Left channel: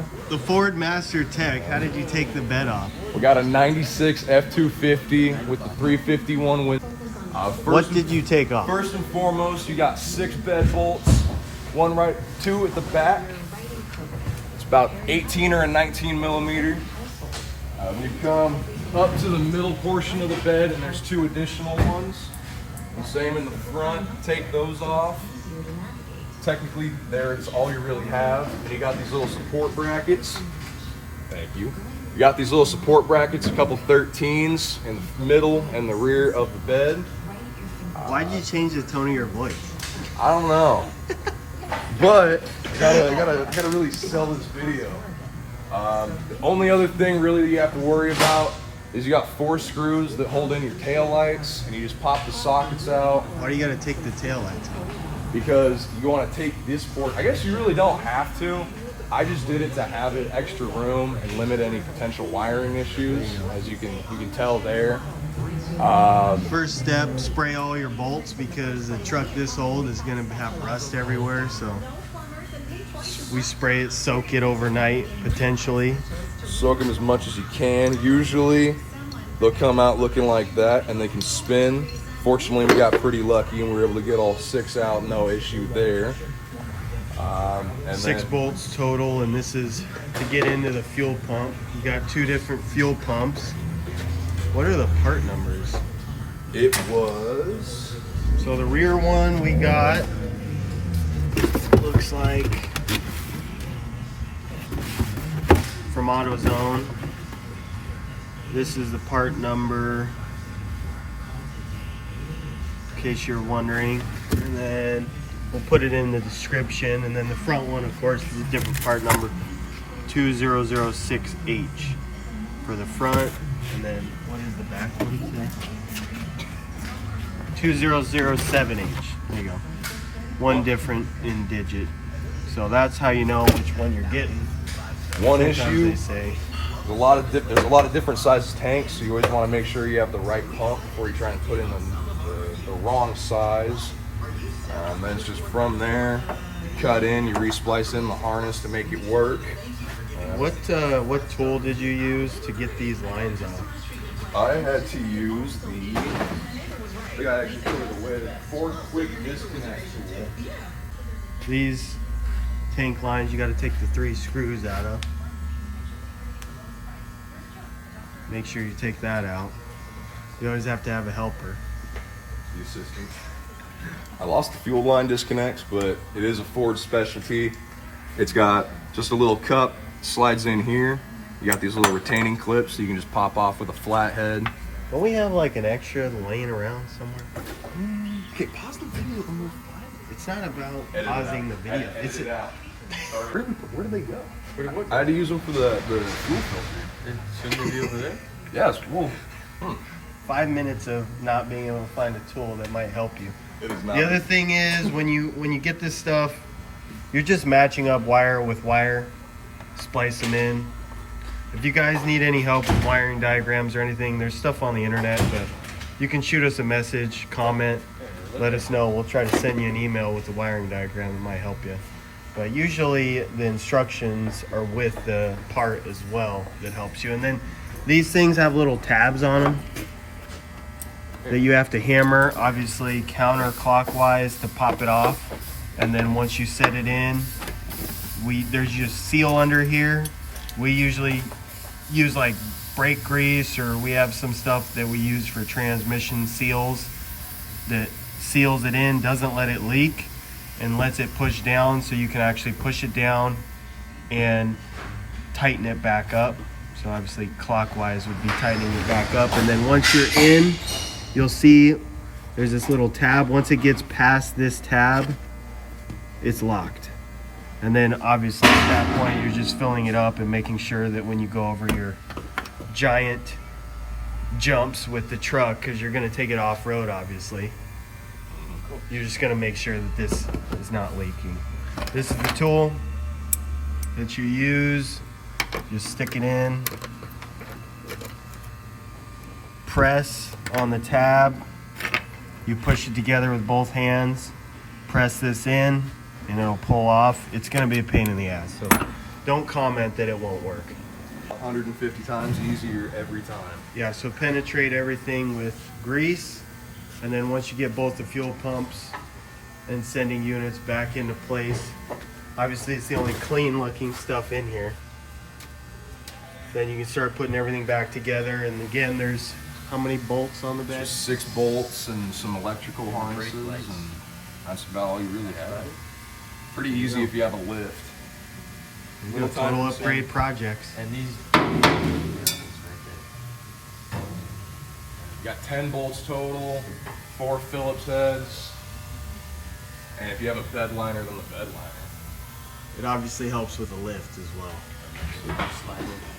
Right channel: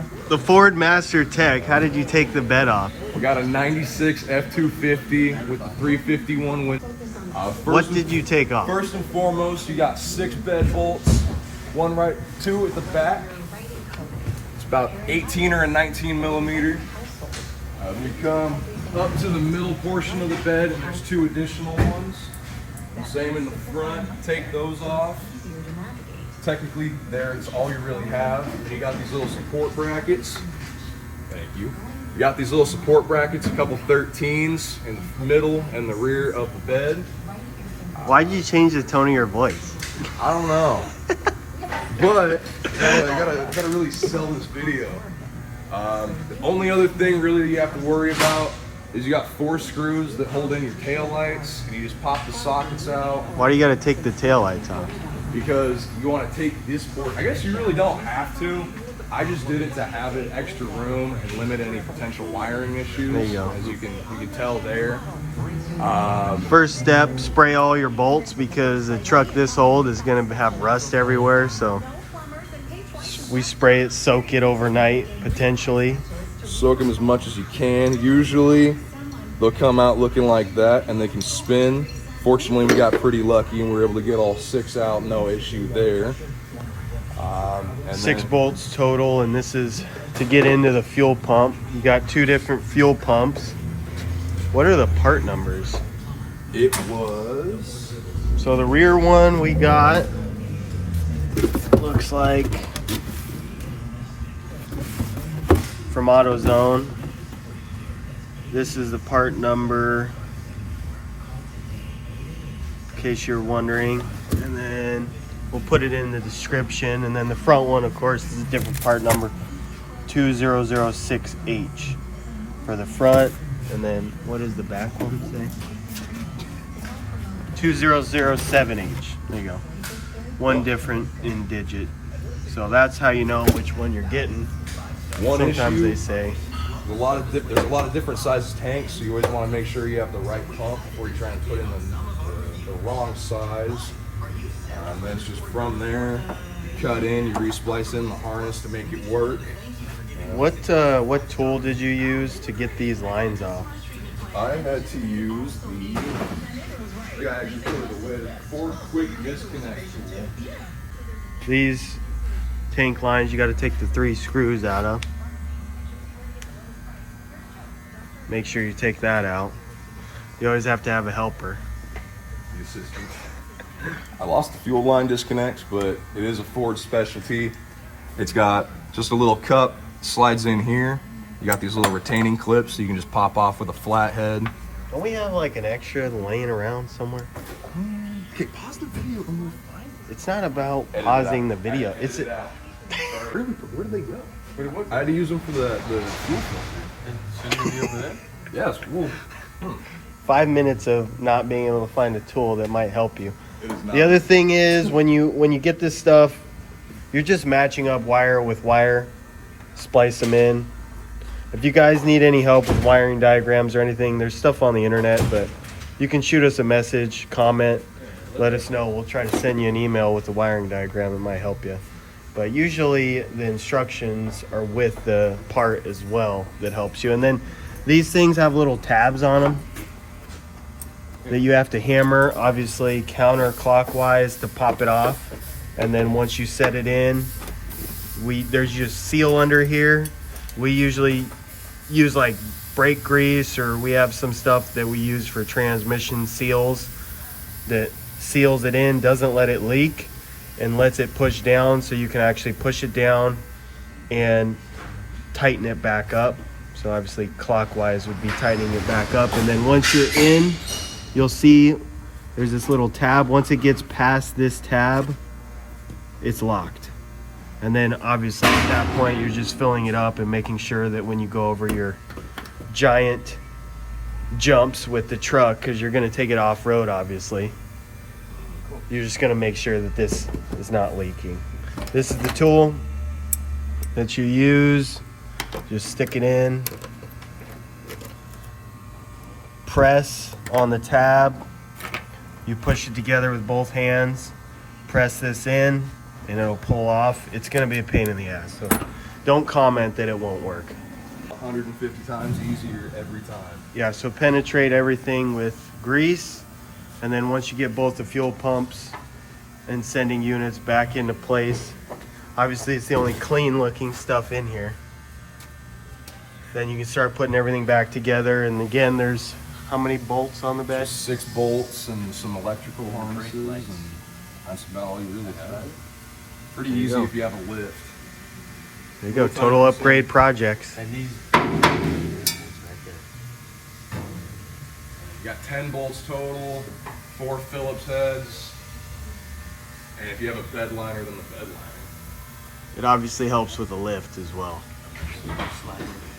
The Ford Master Tech, how did you take the bed off? We got a 96 F250 with the 351 wind. What did you take off? First and foremost, you got 6 bed bolts, 2 at the back. It's about 18 or a 19 millimeter. We come up to the middle portion of the bed, and there's 2 additional ones. The same in the front. Take those off. Technically, there it's all you really have. And you got these little support brackets. Thank you. You got these little support brackets, a couple 13s in the middle and the rear of the bed. Why did you change the tone of your voice? I don't know. But I gotta really sell this video. The only other thing really you have to worry about is you got 4 screws that hold in your tail lights, and you just pop the sockets out. Why do you gotta take the tail lights off? Because you want to take this port. I guess you really don't have to. I just did it to have it extra room and limit any potential wiring issues. There you go. As you can tell there. First step, spray all your bolts, because a truck this old is gonna have rust everywhere. So we spray it, soak it overnight, potentially. Soak them as much as you can. Usually they'll come out looking like that, and they can spin. Fortunately, we got pretty lucky and we were able to get all 6 out, no issue there. 6 bolts total, and this is to get into the fuel pump. You got 2 different fuel pumps. What are the part numbers? It was... So the rear one we got, looks like, from AutoZone. This is the part number, in case you're wondering, and then we'll put it in the description. And then the front one, of course, is a different part number, 2006H for the front. And then what is the back one say? 2007H. There you go. One different in digit. So that's how you know which one you're getting. Sometimes they say there's a lot of different sized tanks, so you always want to make sure you have the right pump before you're trying to put in the wrong size. Then it's just from there, you cut in, you resplice in the harness to make it work. What tool did you use to get these lines off? I had to use I think I actually put it away, the Ford Quick Disconnect tool. These tank lines, you got to take the 3 screws out of. Make sure you take that out. You always have to have a helper. The assistant. I lost the fuel line disconnects, but it is a Ford specialty. It's got just a little cup, slides in here. You got these little retaining clips, so you can just pop off with a flathead. Don't we have like an extra laying around somewhere? Okay, pause the video. It's not about pausing the video. It's it out. Where did they go? I had to use them for the fuel filter. Shouldn't they be over there? Yes. Cool. 5 minutes of not being able to find a tool that might help you. It is not. The other thing is, when you get this stuff, you're just matching up wire with wire, splice them in. If you guys need any help with wiring diagrams or anything, there's stuff on the internet, but you can shoot us a message, comment, let us know. We'll try to send you an email with the wiring diagram. It might help you. But usually the instructions are with the part as well that helps you. And then these things have little tabs on them that you have to hammer, obviously counterclockwise, to pop it off. And then once you set it in, there's just seal under here. We usually use like brake grease, or we have some stuff that we use for transmission seals that seals it in, doesn't let it leak, and lets it push down, so you can actually push it down and tighten it back up. So obviously clockwise would be tightening it back up. And then once you're in, you'll see there's this little tab. Once it gets past this tab, it's locked. And then obviously at that point, you're just filling it up and making sure that when you go over your giant jumps with the truck, because you're going to take it off-road, obviously, you're just going to make sure that this is not leaking. This is the tool that you use. Just stick it in, press on the tab, you push it together with both hands, press this in, and it'll pull off. It's going to be a pain in the ass, so don't comment that it won't work. 150 times easier every time. Yeah, so penetrate everything with grease, and then once you get both the fuel pumps and sending units back into place, obviously it's the only clean looking stuff in here, then you can start putting everything back together. And again, there's how many bolts on the bed? Just 6 bolts and some electrical harnesses, and that's about all you really have. Pretty easy if you have a lift. There you go, total upgrade projects. And these You got 10 bolts total, 4 Phillips heads, and if you have a bed liner, then the bed liner. It obviously helps with the lift as well. slide in.